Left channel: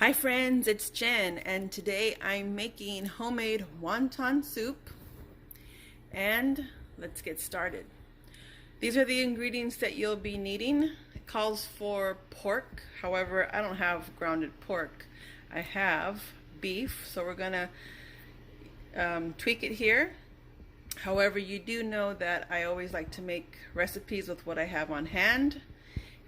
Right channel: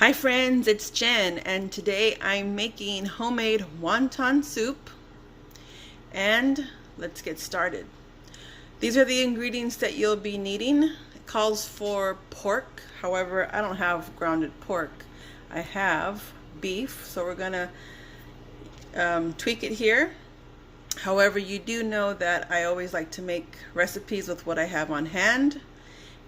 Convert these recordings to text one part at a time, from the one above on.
Hi friends, it's Jen, and today I'm making homemade wonton soup, and let's get started. These are the ingredients that you'll be needing. It calls for pork, however, I don't have grounded pork. I have beef, so we're gonna tweak it here. However, you do know that I always like to make recipes with what I have on hand.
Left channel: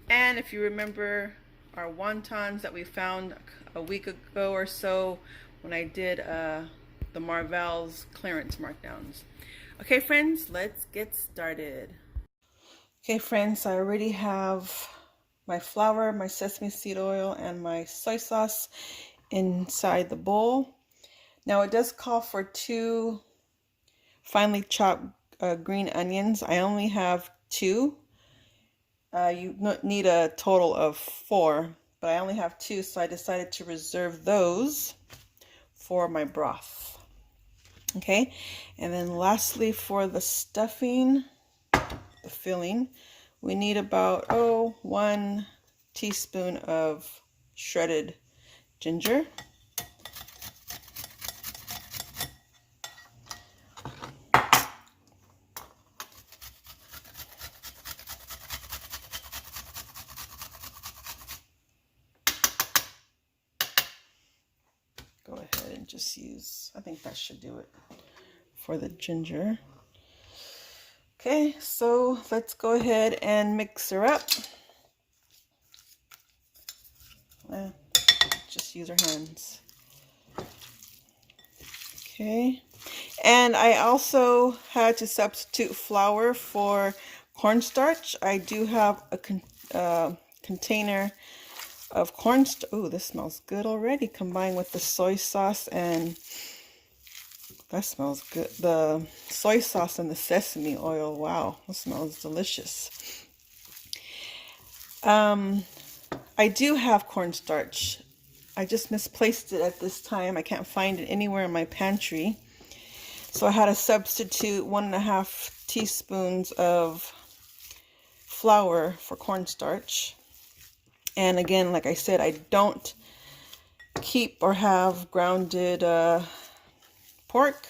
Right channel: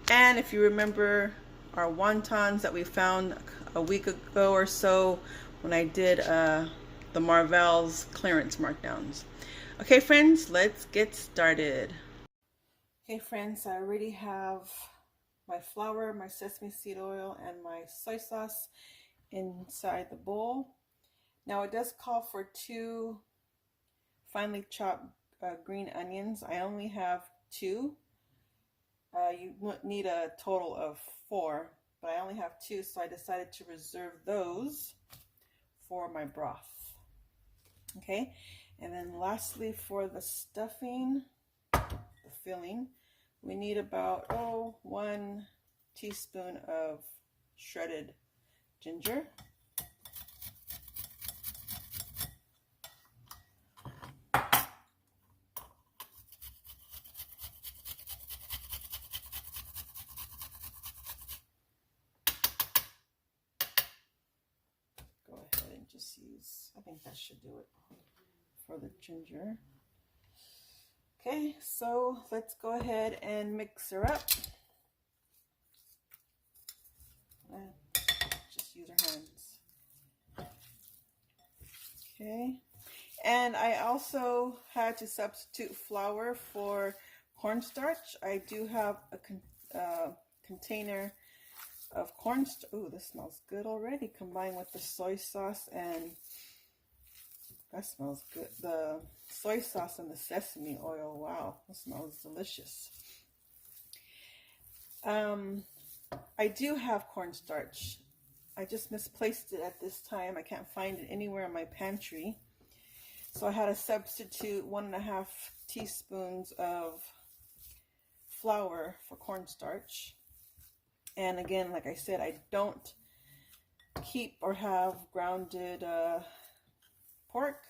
And if you remember our wontons that we found a week ago or so when I did the Marvell's clearance markdowns. Okay, friends, let's get started. Okay, friends, I already have my flour, my sesame seed oil, and my soy sauce inside the bowl. Now, it does call for 2 finely chopped green onions. I only have 2. You need a total of 4, but I only have 2, so I decided to reserve those for my broth. Okay, and then lastly for the stuffing, the filling, we need about 1 teaspoon of shredded ginger. Go ahead and just use, I think that should do it for the ginger. Okay, so let's go ahead and mix her up. Just use our hands. Okay, and I also had to substitute flour for cornstarch. I do have a container of cornstarch. Oh, this smells good already, combined with the soy sauce, and that smells good. The soy sauce and the sesame oil, wow, that smells delicious. I do have cornstarch. I just misplaced it at this time. I can't find it anywhere in my pantry. So I had to substitute 1.5 teaspoons of flour for cornstarch. And again, like I said, I don't keep or have grounded pork.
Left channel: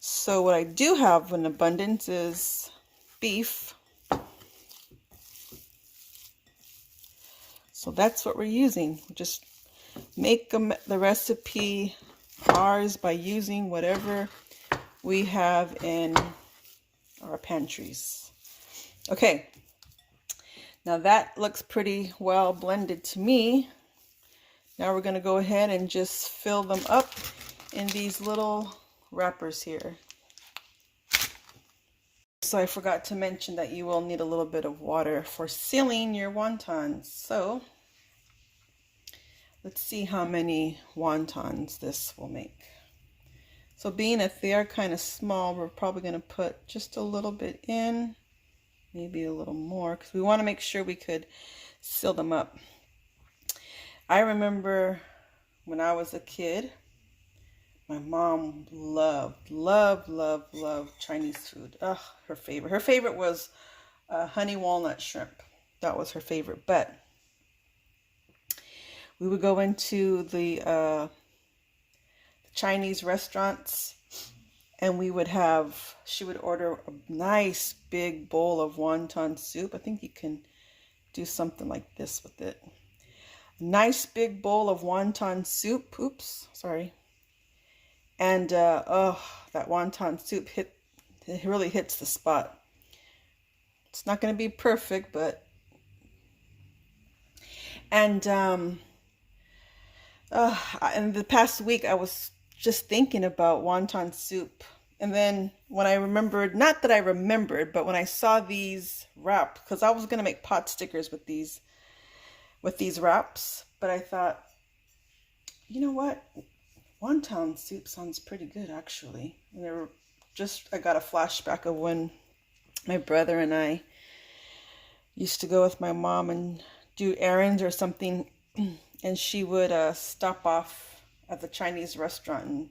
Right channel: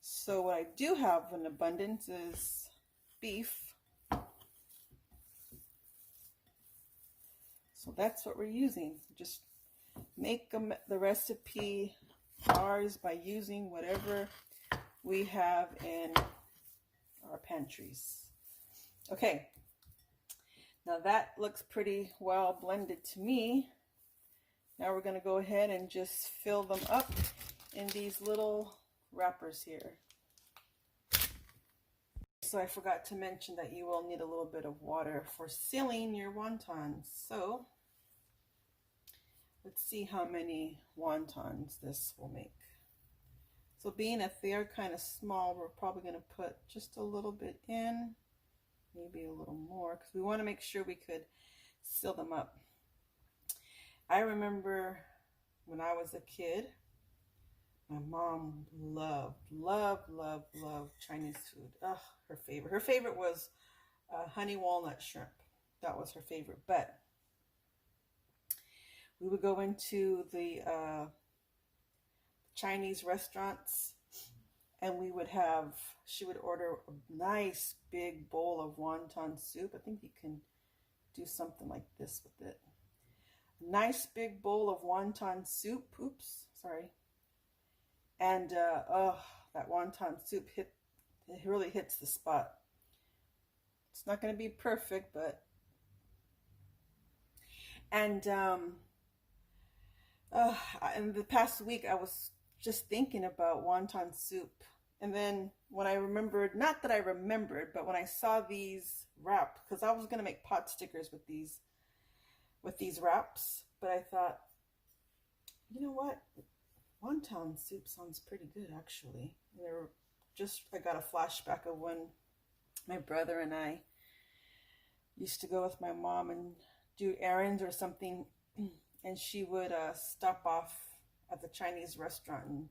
So what I do have in abundance is beef. So that's what we're using. Just make the recipe ours by using whatever we have in our pantries. Okay, now that looks pretty well blended to me. Now we're going to go ahead and just fill them up in these little wrappers here. So I forgot to mention that you will need a little bit of water for sealing your wontons. So let's see how many wontons this will make. So being that they are kind of small, we're probably going to put just a little bit in, maybe a little more, because we want to make sure we could seal them up. I remember when I was a kid, my mom loved Chinese food. Ugh, her favorite. Her favorite was honey walnut shrimp. That was her favorite. But we would go into the Chinese restaurants, and she would order a nice big bowl of wonton soup. I think you can do something like this with it. A nice big bowl of wonton soup. Oops, sorry. And oh, that wonton soup it really hits the spot. It's not going to be perfect, but and in the past week I was just thinking about wonton soup, and then when I remembered, not that I remembered, but when I saw these wraps, because I was going to make pot stickers with these wraps, but I thought, you know what? Wonton soup sounds pretty good, actually. And I got a flashback of when my brother and I used to go with my mom and do errands or something, and she would stop off at the Chinese restaurant, and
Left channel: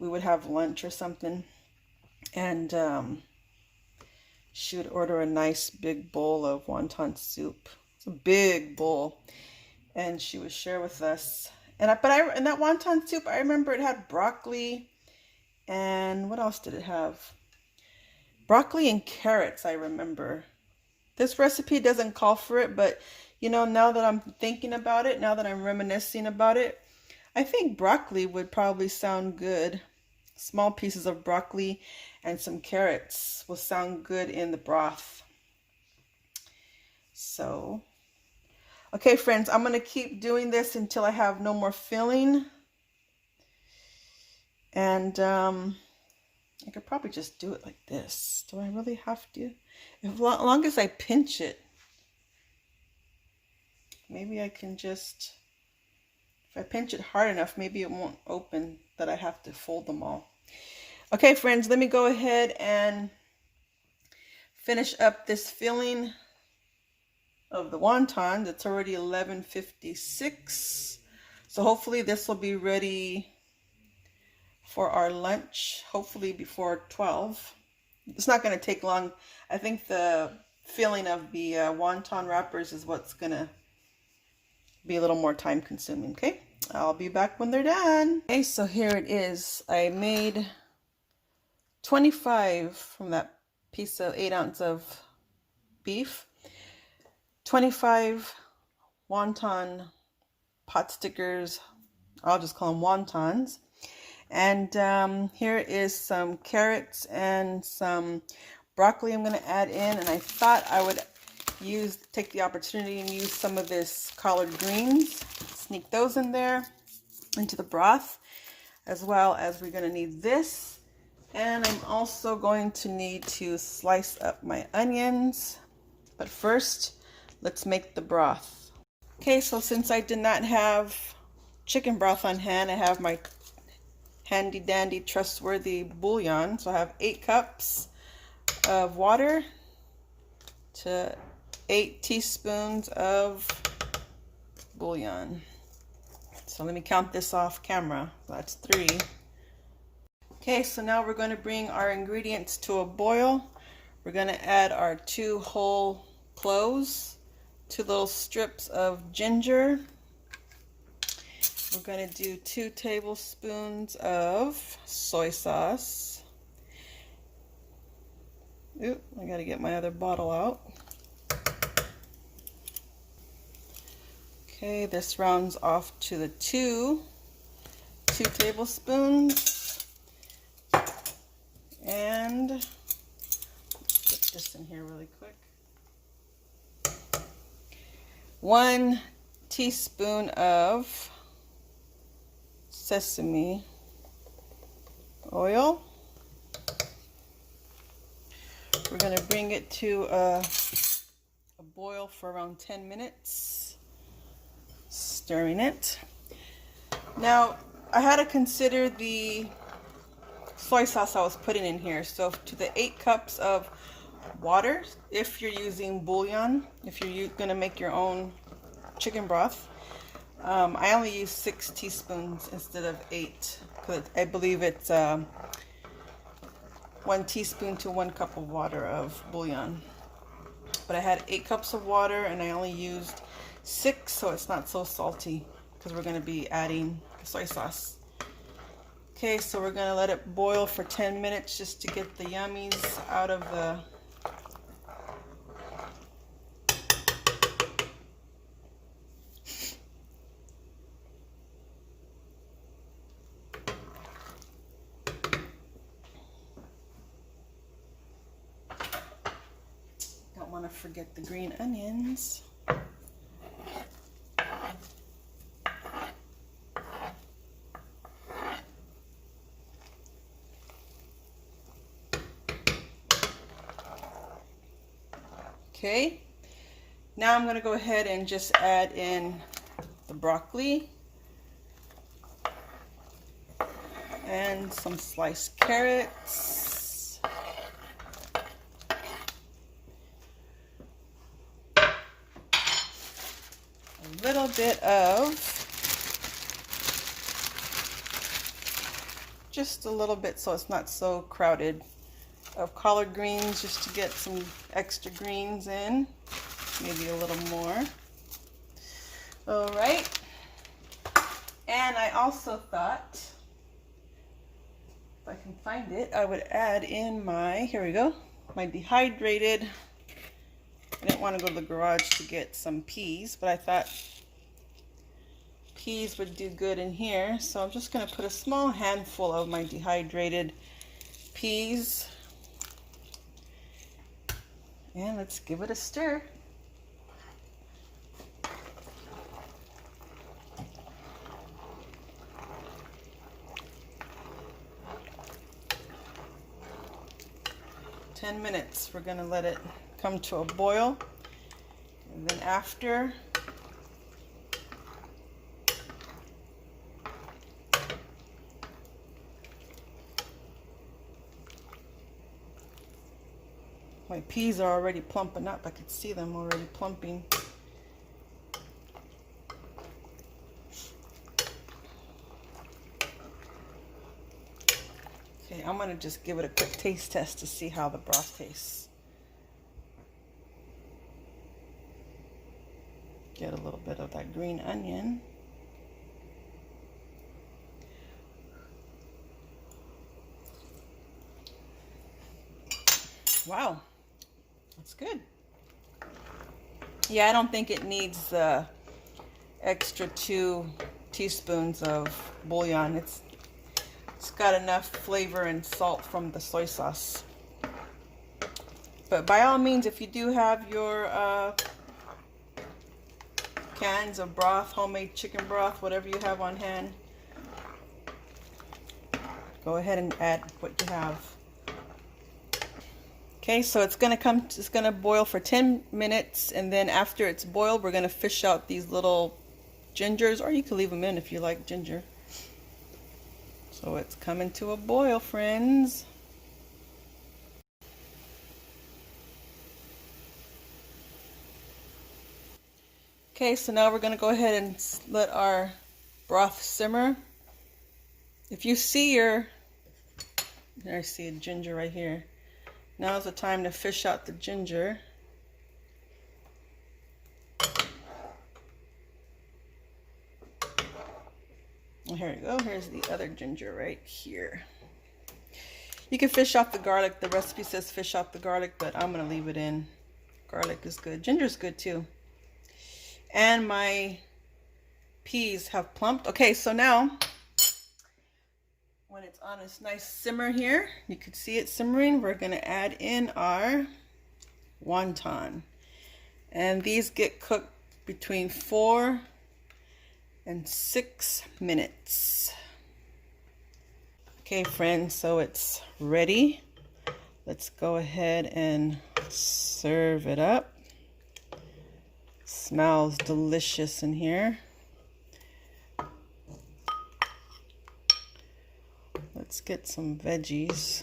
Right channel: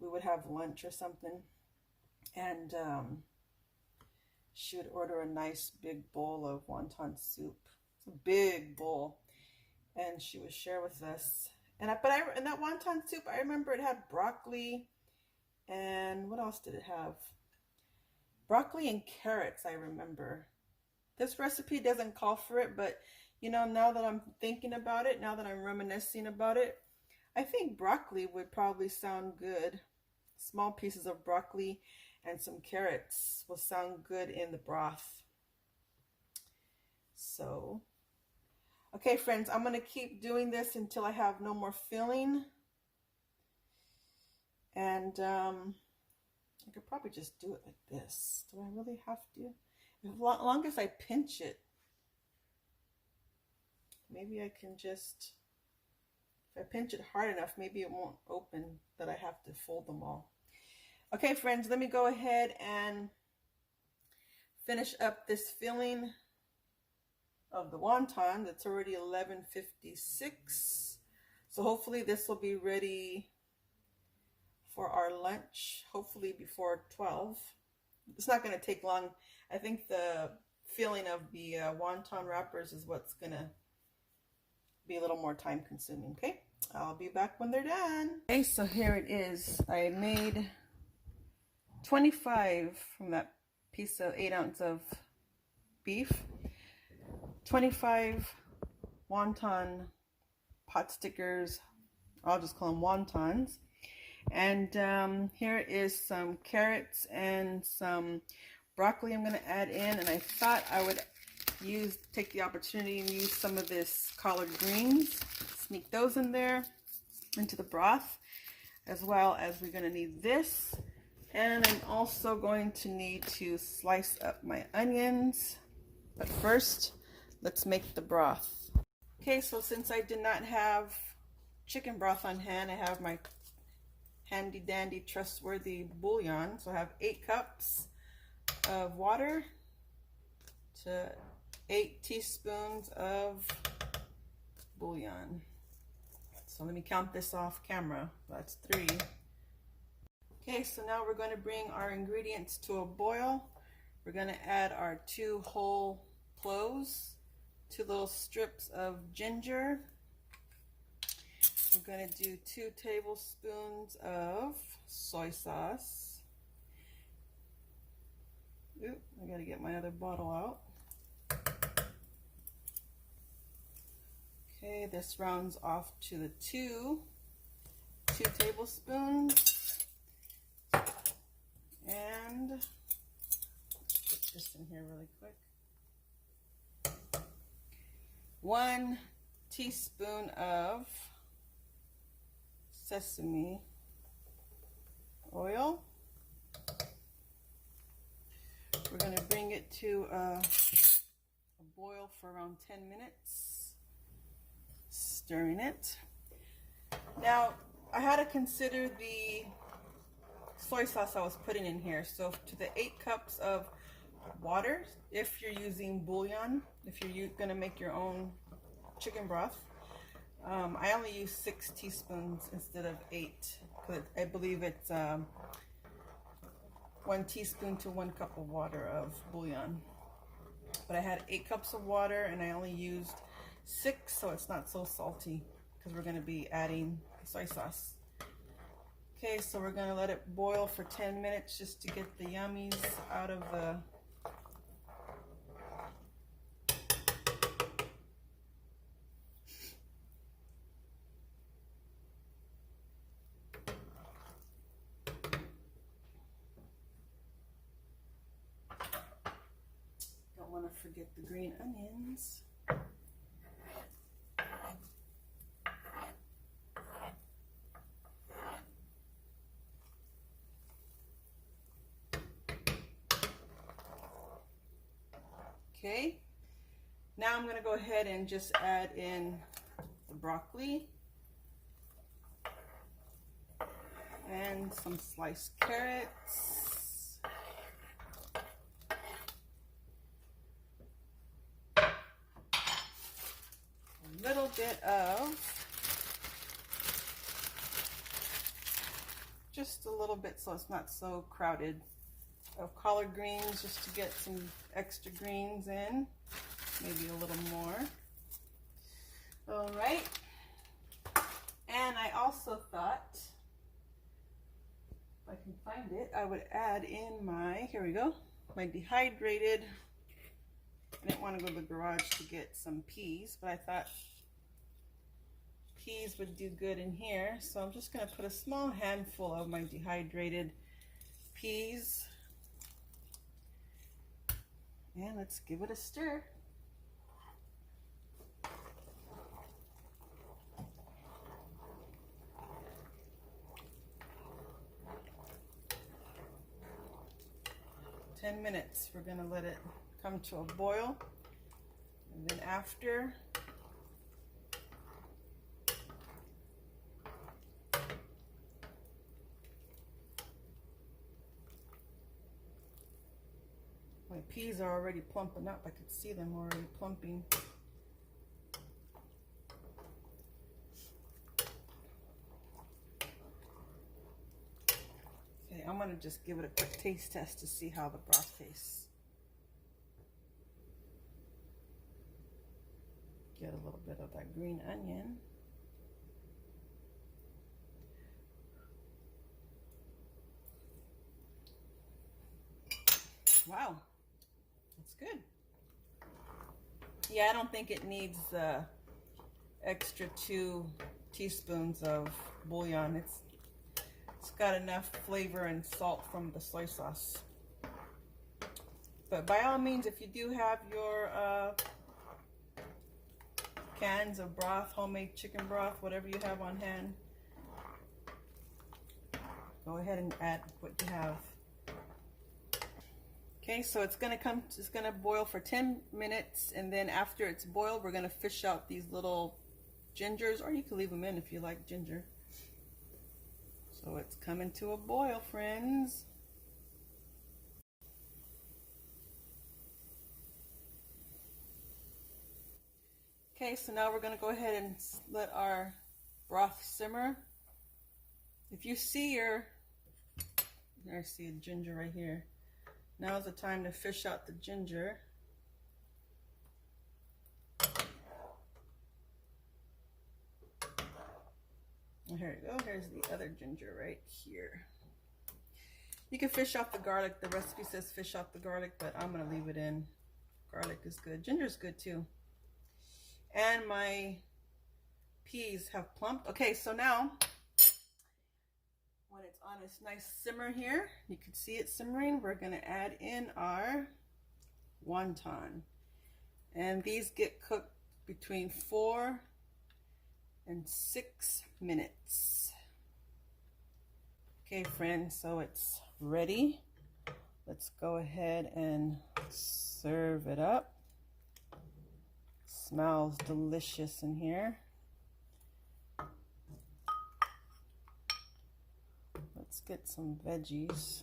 we would have lunch or something, and she would order a nice big bowl of wonton soup. It's a big bowl, and she would share with us. And in that wonton soup, I remember it had broccoli, and what else did it have? Broccoli and carrots, I remember. This recipe doesn't call for it, but you know, now that I'm thinking about it, now that I'm reminiscing about it, I think broccoli would probably sound good. Small pieces of broccoli and some carrots will sound good in the broth. So, okay, friends, I'm going to keep doing this until I have no more filling. And I could probably just do it like this. Do I really have to? As long as I pinch it. Maybe I can just, if I pinch it hard enough, maybe it won't open that I have to fold them all. Okay, friends, let me go ahead and finish up this filling of the wontons. It's already 11:56. So hopefully this will be ready for our lunch, hopefully before 12. It's not going to take long. I think the filling of the wonton wrappers is what's going to be a little more time consuming. Okay, I'll be back when they're done. Okay, so here it is. I made 25 from that piece of 8 ounces of beef, 25 wonton pot stickers. I'll just call them wontons. And here is some carrots and some broccoli I'm going to add in. And I thought I would take the opportunity and use some of this collard greens. Sneak those in there into the broth, as well as we're going to need this. And I'm also going to need to slice up my onions. But first, let's make the broth. Okay, so since I did not have chicken broth on hand, I have my handy dandy trustworthy bouillon. So I have 8 cups of water to 8 teaspoons of bouillon. So let me count this off camera. That's 3. Okay, so now we're going to bring our ingredients to a boil. We're going to add our 2 whole cloves, 2 little strips of ginger. We're going to do 2 tablespoons of soy sauce. Oop, I got to get my other bottle out. Okay, this rounds off to the 2 tablespoons. And get this in here really quick. 1 teaspoon of sesame oil. We're going to bring it to a boil for around 10 minutes, stirring it. Now, I had to consider the soy sauce I was putting in here. So to the 8 cups of water, if you're using bouillon, if you're going to make your own chicken broth, I only use 6 teaspoons instead of 8, because I believe it's 1 teaspoon to 1 cup of water of bouillon. But I had 8 cups of water and I only used 6, so it's not so salty because we're going to be adding soy sauce. Okay, so we're going to let it boil for 10 minutes just to get the yummies out of the want to forget the green onions. Okay, now I'm going to go ahead and just add in the broccoli and some sliced carrots. A little bit of, just a little bit so it's not so crowded, of collard greens just to get some extra greens in, maybe a little more. All right. I also thought, if I can find it, I would add in my, here we go, my dehydrated, I didn't want to go to the garage to get some peas, but I thought peas would do good in here. So I'm just going to put a small handful of my dehydrated peas. And let's give it a stir. "10 minutes, we're going to let it come to a boil. And then after, my peas are already plumping up. I could see them already plumping. Okay, I'm going to just give it a quick taste test to see how the broth tastes. Get a little bit of that green onion. Wow, that's good. Yeah, I don't think it needs the extra 2 teaspoons of bouillon. It's got enough flavor and salt from the soy sauce. But by all means, if you do have your cans of broth, homemade chicken broth, whatever you have on hand, go ahead and add what you have. Okay, so it's gonna boil for 10 minutes, and then after it's boiled, we're gonna fish out these little gingers, or you can leave them in if you like ginger. So it's coming to a boil, friends. Okay, so now we're gonna go ahead and let our broth simmer. If you see there I see a ginger right here. Now's the time to fish out the ginger. And here you go. Here's the other ginger right here. You can fish out the garlic. The recipe says fish out the garlic, but I'm going to leave it in. Garlic is good. Ginger's good too. And my peas have plumped. Okay, so now when it's on this nice simmer here, you can see it simmering, we're going to add in our wonton. And these get cooked between 4 and 6 minutes. Okay, friends, so it's ready. Let's go ahead and serve it up. Smells delicious in here. Let's get some veggies.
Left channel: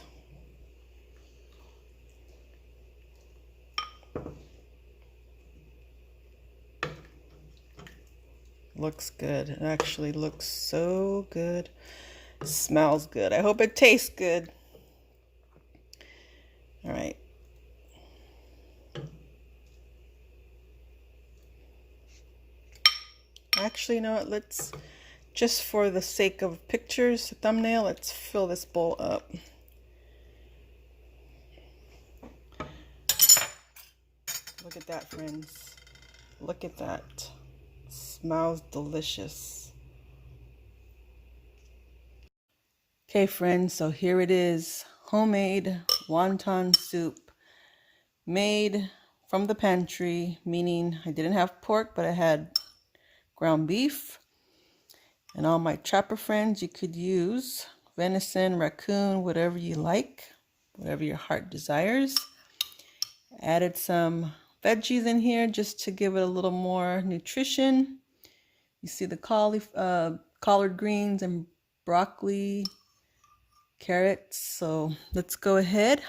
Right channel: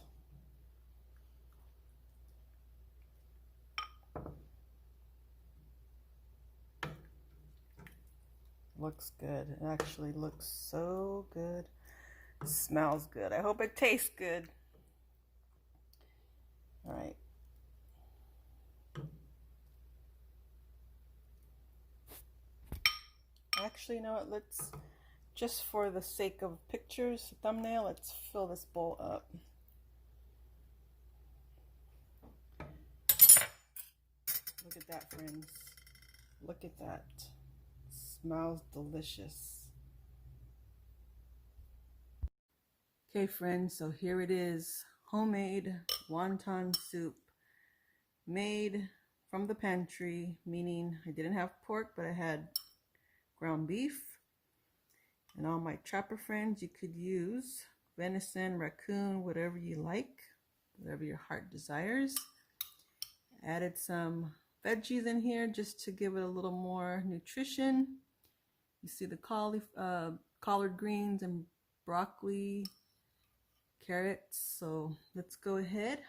Looks good. It actually looks so good. It smells good. I hope it tastes good. All right. Actually, you know what? Let's, just for the sake of pictures, thumbnail, let's fill this bowl up. Look at that, friends. Look at that. Smells delicious. Okay, friends, so here it is. Homemade wonton soup made from the pantry, meaning I didn't have pork, but I had ground beef. And all my chopper friends, you could use venison, raccoon, whatever you like, whatever your heart desires. Added some veggies in here just to give it a little more nutrition. You see the collard greens and broccoli, carrots. So let's go ahead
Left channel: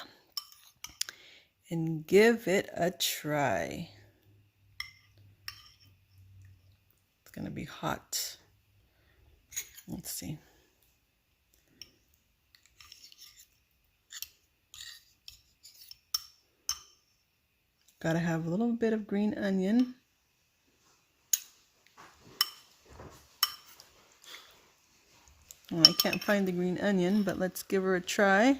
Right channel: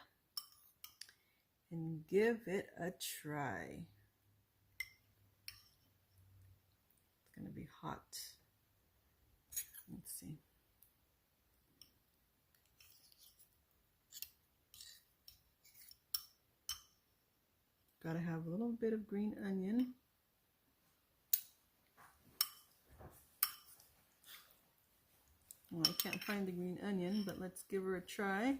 and give it a try. It's gonna be hot. Let's see. Gotta have a little bit of green onion. Well, I can't find the green onion, but let's give her a try.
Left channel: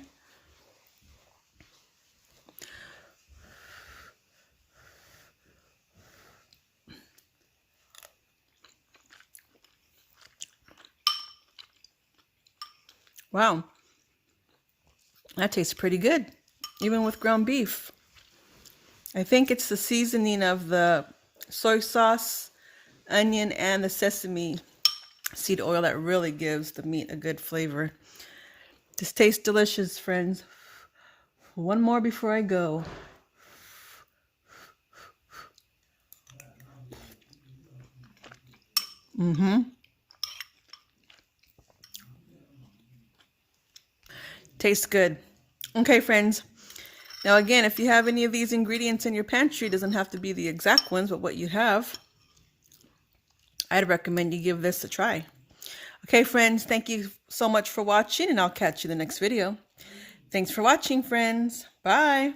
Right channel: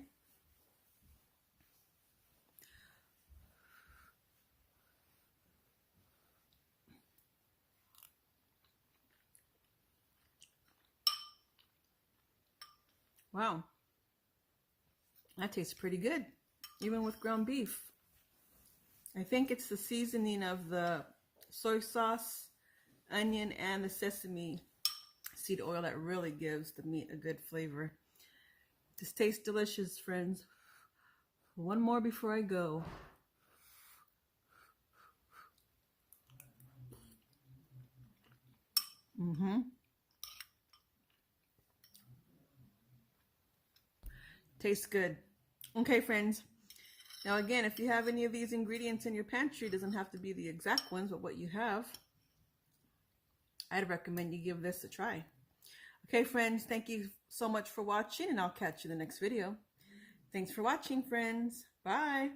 Wow, that tastes pretty good, even with ground beef. I think it's the seasoning of the soy sauce, onion, and the sesame seed oil that really gives the meat a good flavor. This tastes delicious, friends. One more before I go. Tastes good. Okay, friends. Now again, if you have any of these ingredients in your pantry, it doesn't have to be the exact ones, but what you have, I'd recommend you give this a try. Okay, friends, thank you so much for watching, and I'll catch you in the next video. Thanks for watching, friends. Bye.